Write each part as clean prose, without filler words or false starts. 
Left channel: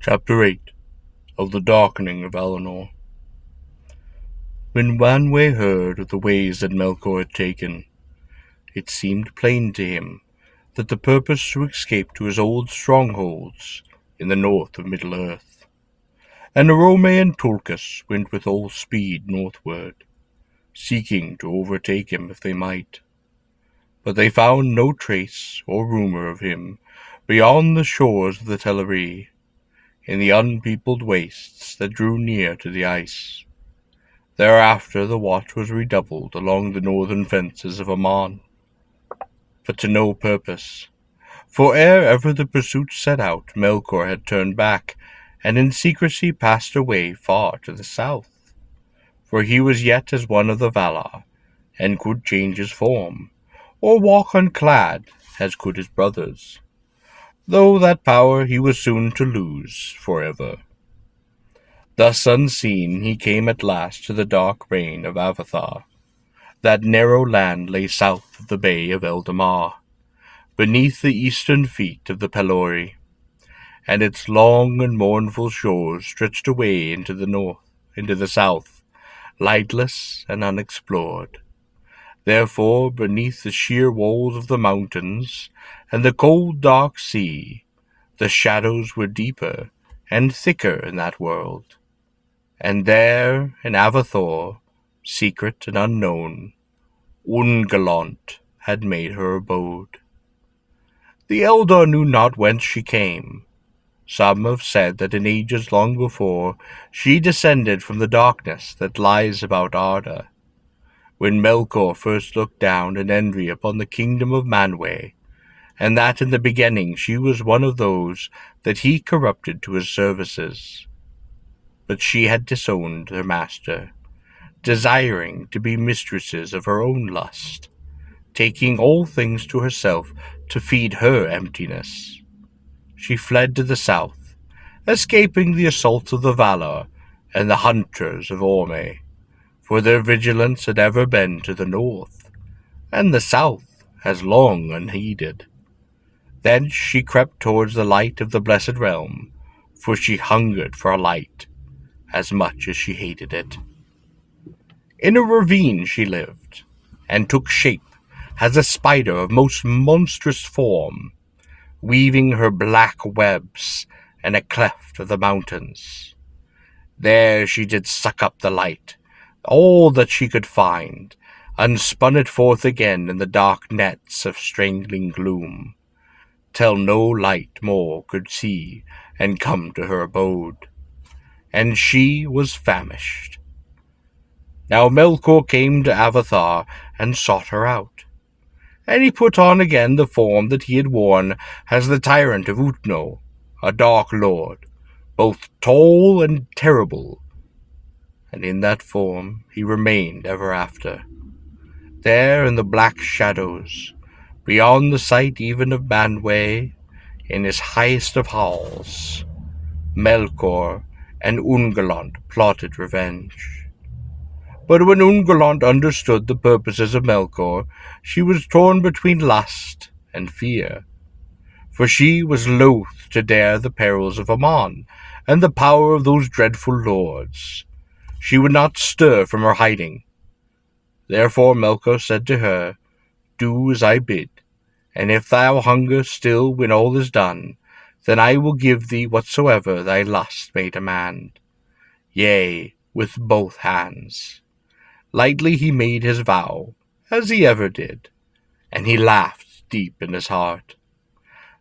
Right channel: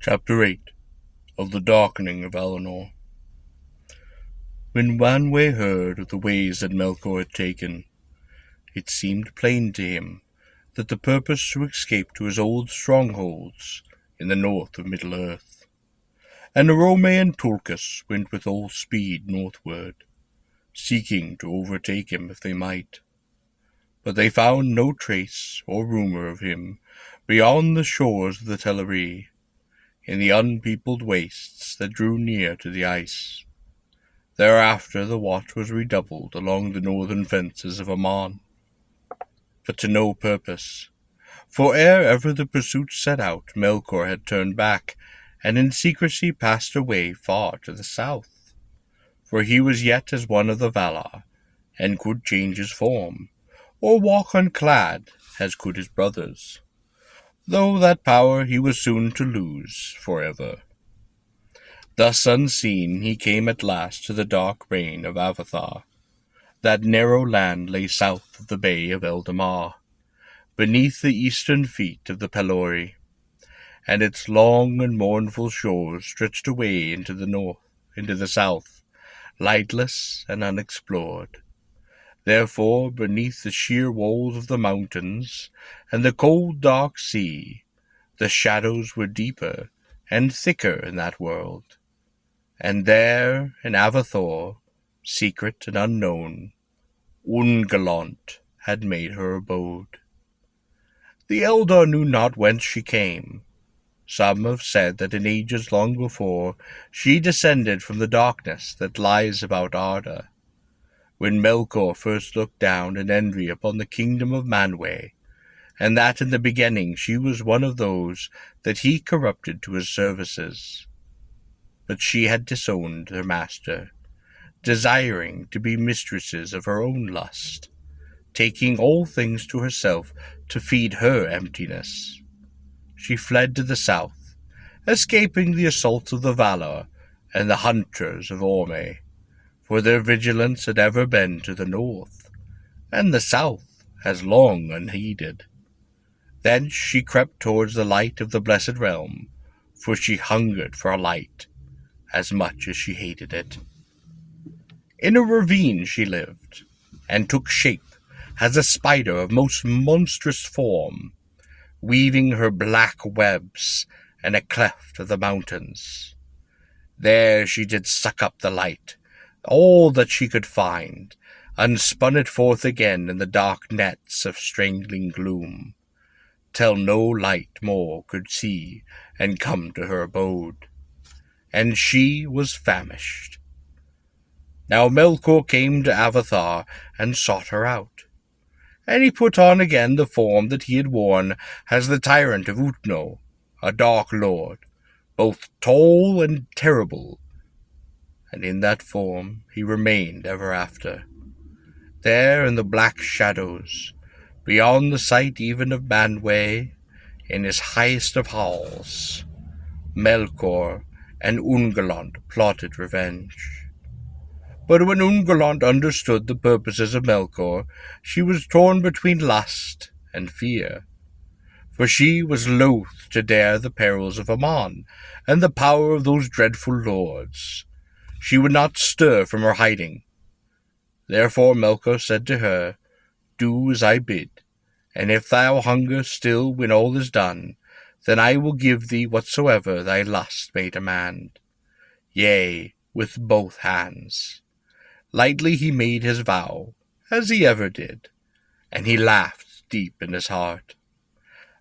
Chapter 8 of the Darkening of Valinor. When Wanwë heard of the ways that Melkor had taken, it seemed plain to him that the purpose to escape to his old strongholds in the north of Middle-earth, and Arome and Tulkas went with all speed northward, seeking to overtake him if they might. But they found no trace or rumor of him beyond the shores of the Teleri, in the unpeopled wastes that drew near to the ice. Thereafter the watch was redoubled along the northern fences of Aman, but to no purpose. For ere ever the pursuit set out, Melkor had turned back, and in secrecy passed away far to the south. For he was yet as one of the Valar, and could change his form, or walk unclad, as could his brothers, though that power he was soon to lose forever. Thus unseen he came at last to the dark reign of Avathar. That narrow land lay south of the bay of Eldamar, beneath the eastern feet of the Pelori, and its long and mournful shores stretched away into the south, lightless and unexplored. Therefore, beneath the sheer walls of the mountains and the cold dark sea, the shadows were deeper and thicker in that world. And there, in Avathor, secret and unknown, Ungoliant had made her abode. The Eldar knew not whence she came. Some have said that in ages long before she descended from the darkness that lies about Arda, when Melkor first looked down in envy upon the kingdom of Manwë, and that in the beginning she was one of those that he corrupted to his services. But she had disowned her master, desiring to be mistresses of her own lust, taking all things to herself to feed her emptiness. She fled to the south, escaping the assaults of the Valar and the hunters of Orme, for their vigilance had ever been to the north, and the south has long unheeded. Thence she crept towards the light of the blessed realm, for she hungered for a light, as much as she hated it. In a ravine she lived, and took shape as a spider of most monstrous form, weaving her black webs in a cleft of the mountains. There she did suck up the light, all that she could find, and spun it forth again in the dark nets of strangling gloom, till no light more could see and come to her abode. And she was famished. Now Melkor came to Avathar and sought her out, and he put on again the form that he had worn as the tyrant of Utno, a dark lord, both tall and terrible, and in that form he remained ever after. There in the black shadows, beyond the sight even of Manwë, in his highest of halls, Melkor and Ungoliant plotted revenge. But when Ungoliant understood the purposes of Melkor, she was torn between lust and fear, for she was loath to dare the perils of Aman and the power of those dreadful lords. She would not stir from her hiding. Therefore Melkor said to her, "Do as I bid, and if thou hunger still when all is done, then I will give thee whatsoever thy lust may demand, yea, with both hands." Lightly he made his vow, as he ever did, and he laughed deep in his heart.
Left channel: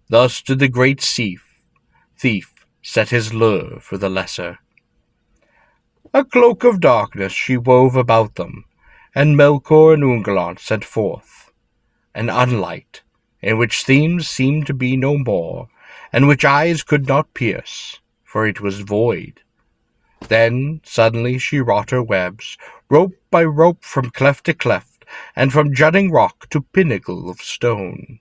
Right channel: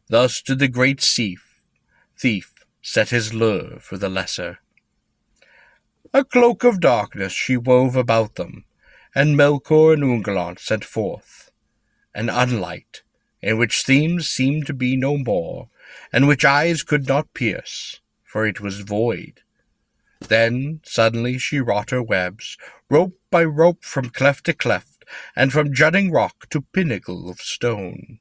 Thus did the great thief set his lure for the lesser. A cloak of darkness she wove about them, and Melkor and Ungoliant sent forth, an unlight, in which themes seemed to be no more, and which eyes could not pierce, for it was void. Then suddenly she wrought her webs, rope by rope, from cleft to cleft, and from jutting rock to pinnacle of stone.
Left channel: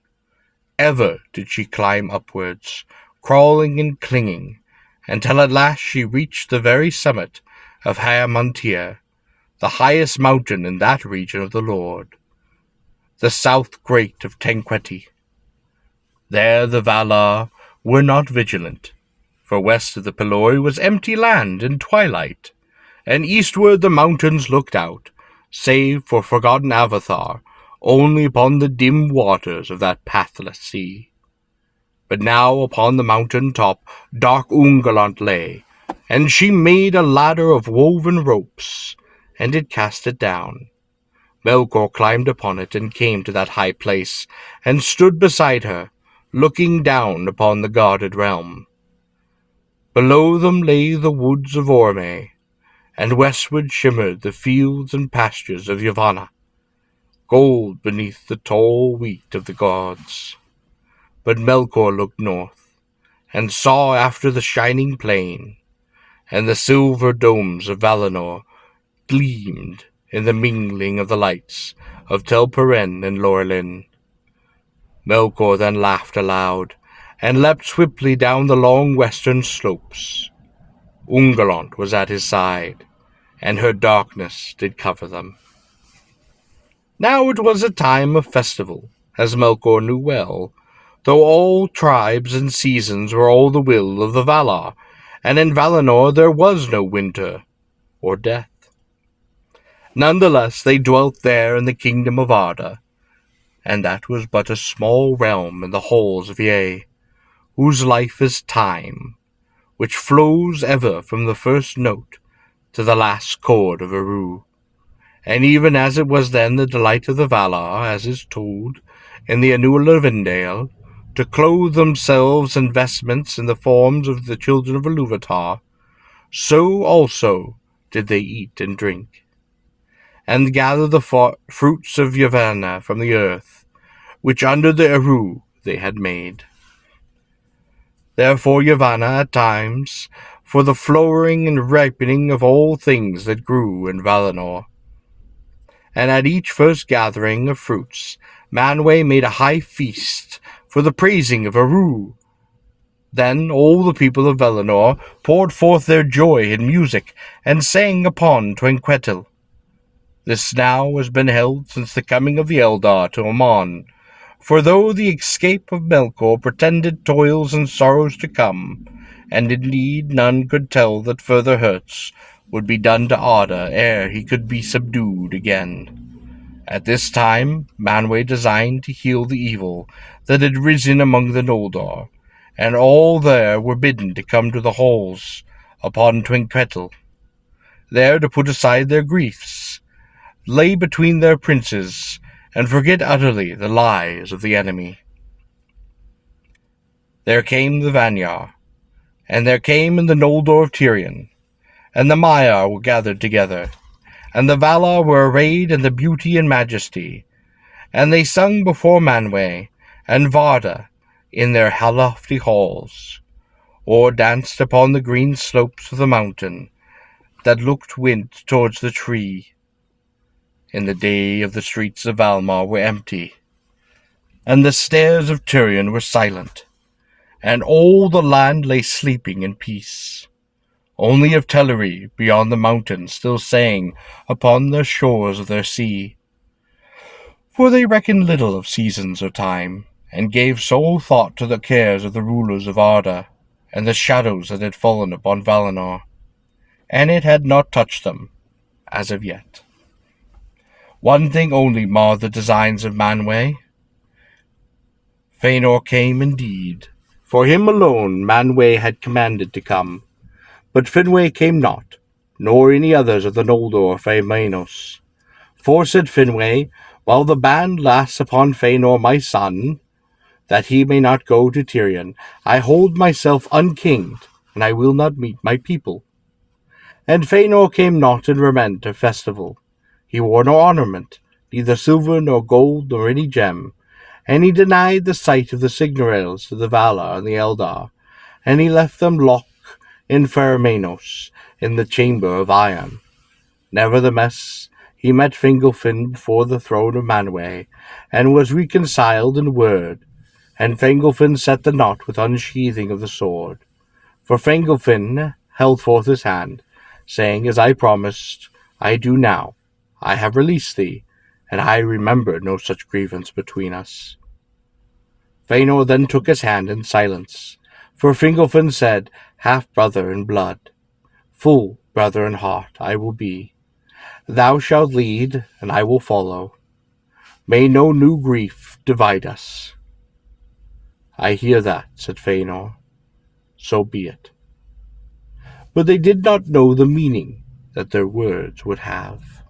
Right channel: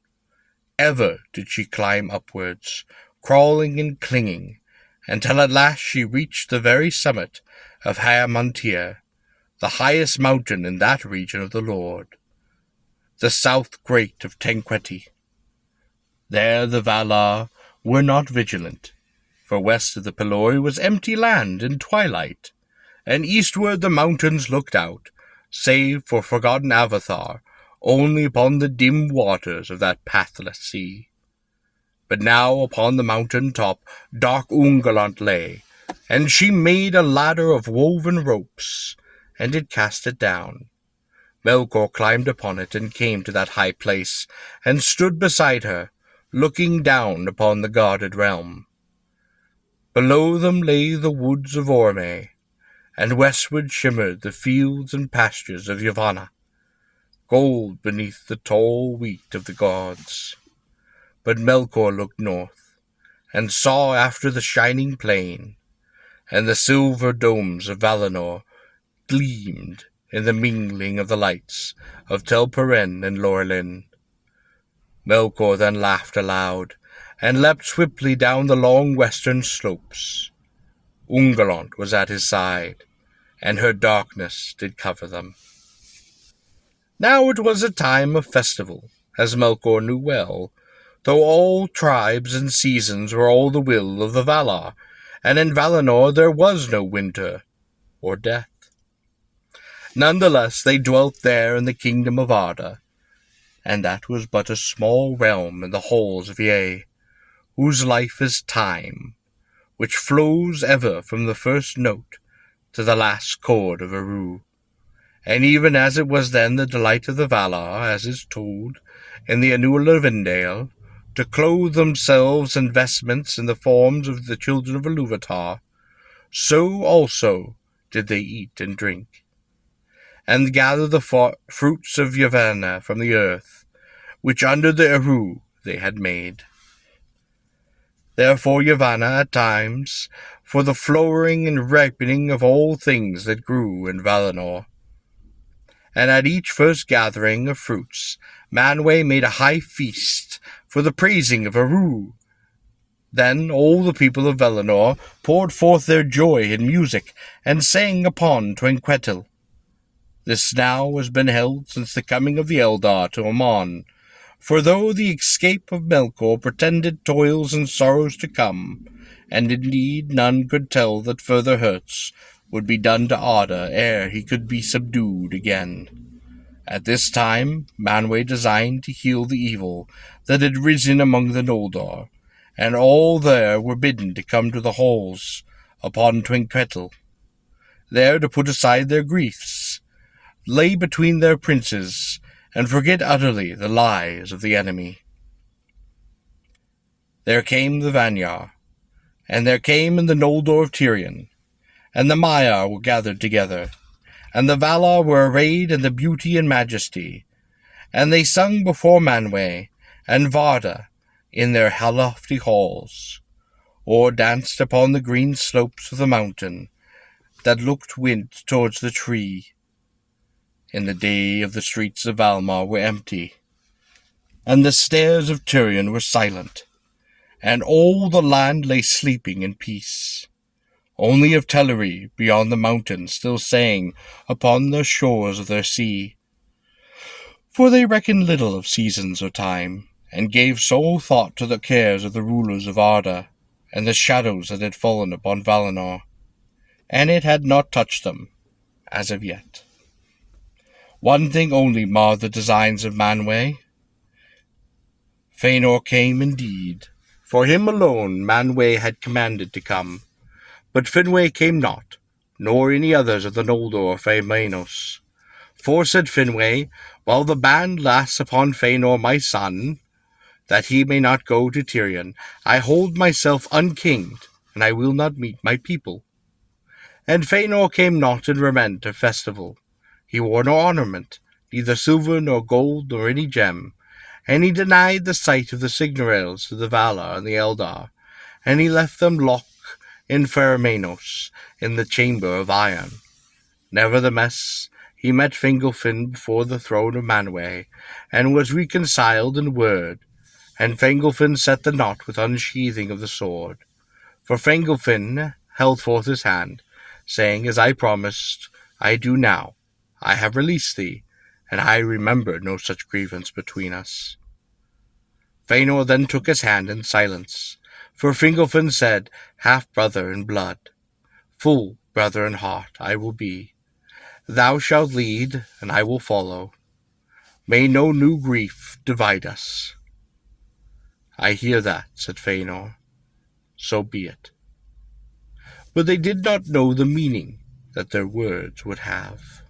Ever did she climb upwards, crawling and clinging, until at last she reached the very summit of Haemontir, the highest mountain in that region of the Lord, the south great of Tenqueti. There the Valar were not vigilant, For west of the Pelori was empty land and twilight, and eastward the mountains looked out, save for forgotten Avatar, only upon the dim waters of that pathless sea. But now upon the mountain top dark Ungoliant lay, and she made a ladder of woven ropes, and did cast it down. Melkor climbed upon it and came to that high place, and stood beside her, looking down upon the guarded realm. Below them lay the woods of Orme, and westward shimmered the fields and pastures of Yavanna, gold beneath the tall wheat of the gods. But Melkor looked north, and saw after the shining plain, and the silver domes of Valinor gleamed in the mingling of the lights of Tel Peren and Lorelin. Melkor then laughed aloud, and leapt swiftly down the long western slopes. Ungoliant was at his side, and her darkness did cover them. Now it was a time of festival, as Melkor knew well, though all tribes and seasons were all the will of the Valar, and in Valinor there was no winter or death. Nonetheless they dwelt there in the kingdom of Arda, and that was but a small realm in the halls of Ye, whose life is time, which flows ever from the first note to the last chord of a rue. And even as it was then the delight of the Valar, as is told in the Annual of Indale, to clothe themselves in vestments in the forms of the children of Ilúvatar, so also did they eat and drink, and gather the fruits of Yavanna from the earth, which under the Eru they had made. Therefore Yavanna at times, for the flowering and ripening of all things that grew in Valinor. And at each first gathering of fruits, Manwë made a high feast for the praising of Eru. Then all the people of Valinor poured forth their joy in music, and sang upon Trinquetil. This now has been held since the coming of the Eldar to Aman, for though the escape of Melkor pretended toils and sorrows to come, and indeed none could tell that further hurts would be done to Arda ere he could be subdued again. At this time Manwë designed to heal the evil that had risen among the Noldor, and all there were bidden to come to the halls upon Trinquetil, there to put aside their griefs, lay between their princes, and forget utterly the lies of the enemy. There came the Vanyar, and there came in the Noldor of Tirion, and the Maiar were gathered together, and the Valar were arrayed in the beauty and majesty, and they sung before Manwë and Varda in their lofty halls, or danced upon the green slopes of the mountain that looked wind towards the tree. In the day of the streets of Valmar were empty, and the stairs of Tirion were silent, and all the land lay sleeping in peace. Only of Teleri beyond the mountains still sang upon the shores of their sea. For they reckoned little of seasons or time, and gave sole thought to the cares of the rulers of Arda, and the shadows that had fallen upon Valinor, and it had not touched them, as of yet. One thing only marred the designs of Manwë. Fëanor came indeed. For him alone Manwë had commanded to come, but Finwë came not, nor any others of the Noldor Fëanor. For said Finwë, while the ban lasts upon Fëanor my son, that he may not go to Tirion, I hold myself unkinged, and I will not meet my people. And Fëanor came not in raiment of festival. He wore no ornament, neither silver nor gold nor any gem, and he denied the sight of the Silmarils to the Valar and the Eldar, and he left them locked in Fermennos, in the chamber of iron. Nevertheless, he met Fingolfin before the throne of Manwë, and was reconciled in word, and Fingolfin set the knot with unsheathing of the sword. For Fingolfin held forth his hand, saying, As I promised, I do now. I have released thee, and I remember no such grievance between us. Fëanor then took his hand in silence, For Fingolfin said, half-brother in blood, full brother in heart I will be. Thou shalt lead, and I will follow. May no new grief divide us. I hear that, said Fëanor. So be it. But they did not know the meaning that their words would have.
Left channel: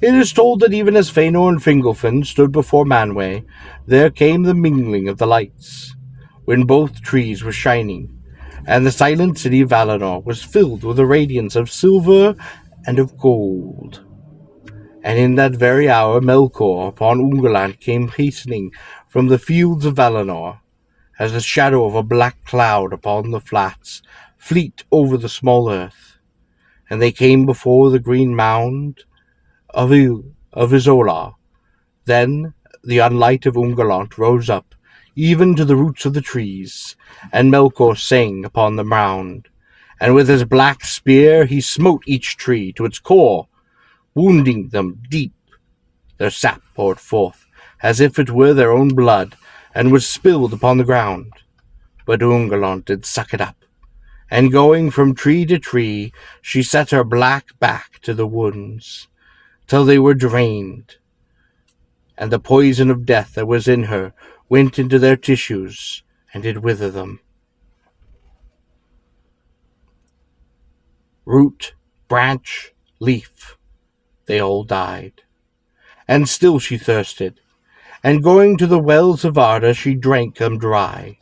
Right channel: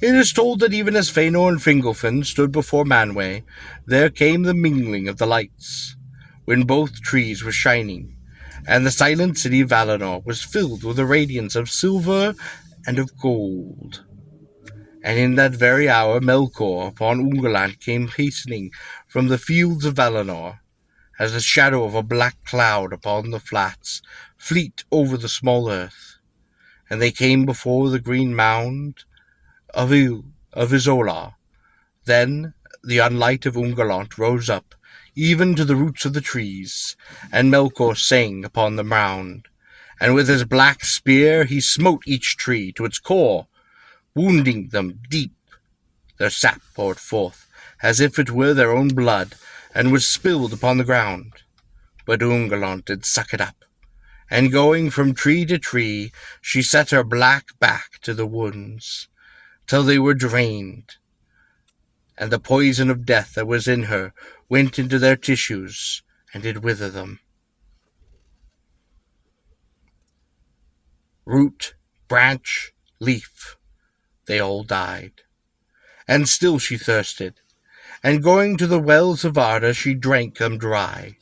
It is told that even as Fëanor and Fingolfin stood before Manwë, there came the mingling of the lights, when both trees were shining, and the silent city of Valinor was filled with a radiance of silver and of gold. And in that very hour Melkor upon Ungoliant came hastening from the fields of Valinor, as the shadow of a black cloud upon the flats, fleet over the small earth. And they came before the green mound of Isola. Then the unlight of Ungoliant rose up, even to the roots of the trees, and Melkor sang upon the mound. And with his black spear he smote each tree to its core, wounding them deep. Their sap poured forth, as if it were their own blood, and was spilled upon the ground. But Ungoliant did suck it up, and going from tree to tree, she set her black back to the wounds, till they were drained, and the poison of death that was in her went into their tissues, and did wither them. Root, branch, leaf, they all died. And still she thirsted, and going to the wells of Arda she drank them dry.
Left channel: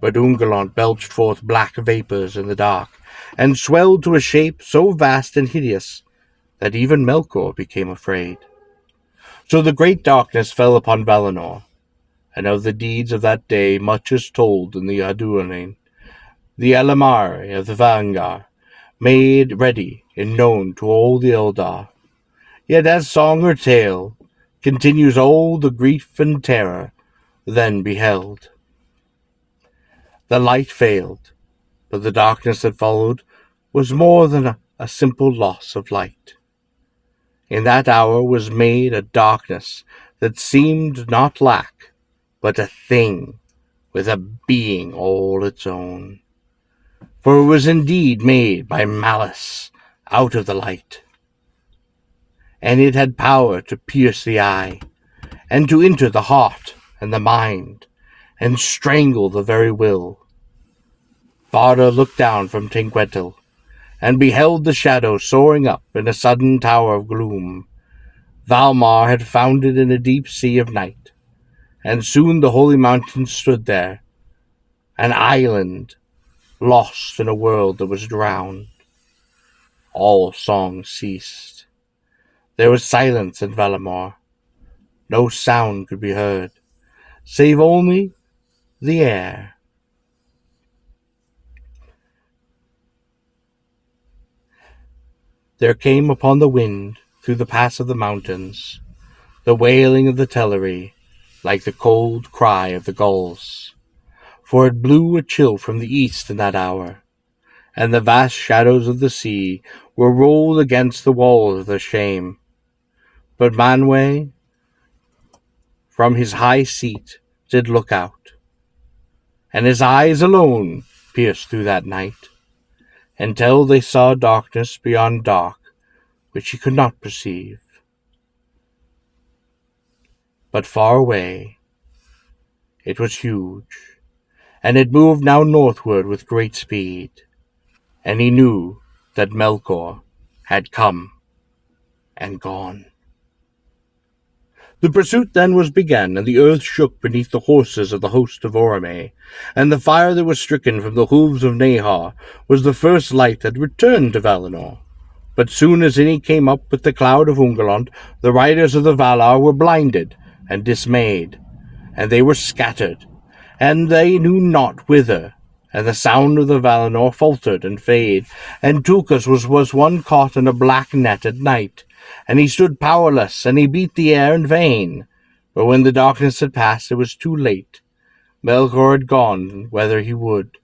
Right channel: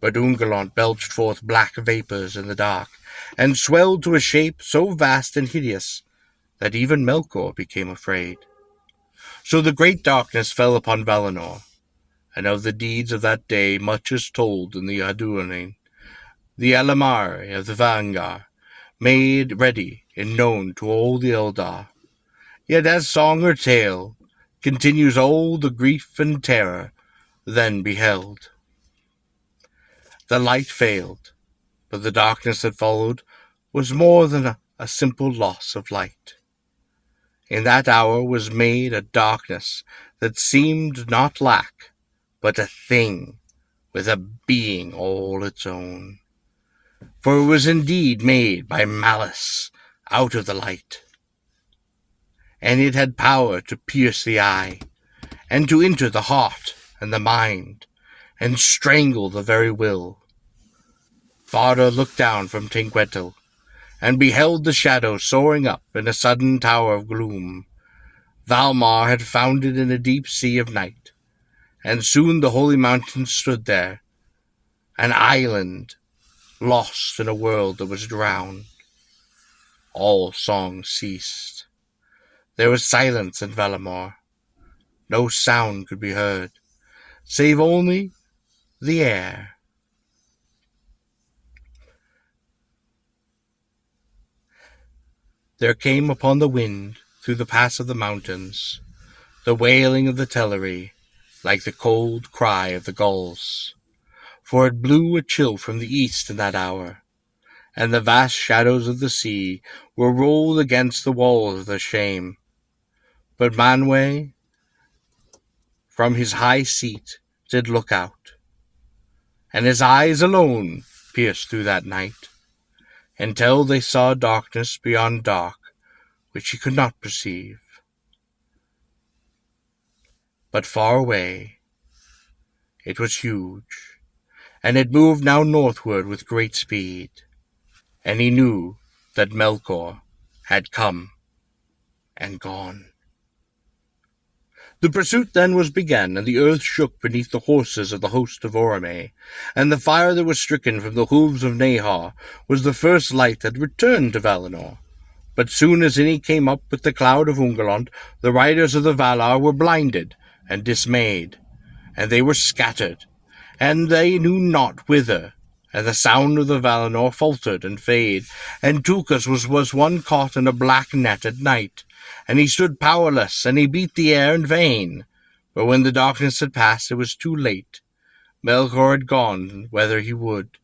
But Ungoliant belched forth black vapours in the dark, and swelled to a shape so vast and hideous that even Melkor became afraid. So the great darkness fell upon Valinor, and of the deeds of that day much is told in the Darkening, the Elamari of the Vangar, made ready and known to all the Eldar. Yet as song or tale continues all the grief and terror then beheld. The light failed, but the darkness that followed was more than a simple loss of light. In that hour was made a darkness that seemed not lack, but a thing with a being all its own. For it was indeed made by malice out of the light, and it had power to pierce the eye, and to enter the heart and the mind, and strangle the very will. Varda looked down from Tengquetil, and beheld the shadow soaring up in a sudden tower of gloom. Valmar had founded in a deep sea of night, and soon the holy mountain stood there, an island lost in a world that was drowned. All song ceased. There was silence in Valinor. No sound could be heard, save only the air. There came upon the wind, through the pass of the mountains, the wailing of the Teleri, like the cold cry of the gulls. For it blew a chill from the east in that hour, and the vast shadows of the sea were rolled against the walls of their shame. But Manwë, from his high seat, did look out, and his eyes alone pierced through that night, until they saw darkness beyond dark, which he could not perceive. But far away it was huge, and it moved now northward with great speed, and he knew that Melkor had come and gone. The pursuit then was begun, and the earth shook beneath the horses of the host of Orome, and the fire that was stricken from the hooves of Nahar was the first light that returned to Valinor. But soon as any came up with the cloud of Ungoliant, the riders of the Valar were blinded and dismayed, and they were scattered, and they knew not whither, and the sound of the Valinor faltered and faded, and Tulkas was one caught in a black net at night, and he stood powerless, and he beat the air in vain. But when the darkness had passed, it was too late. Melkor had gone whither he would,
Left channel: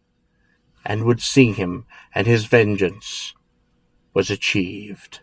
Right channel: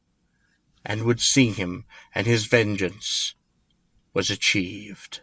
and would see him, and his vengeance was achieved.